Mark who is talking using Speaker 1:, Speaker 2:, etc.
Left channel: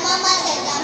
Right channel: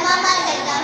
Speaker 1: 妈妈给的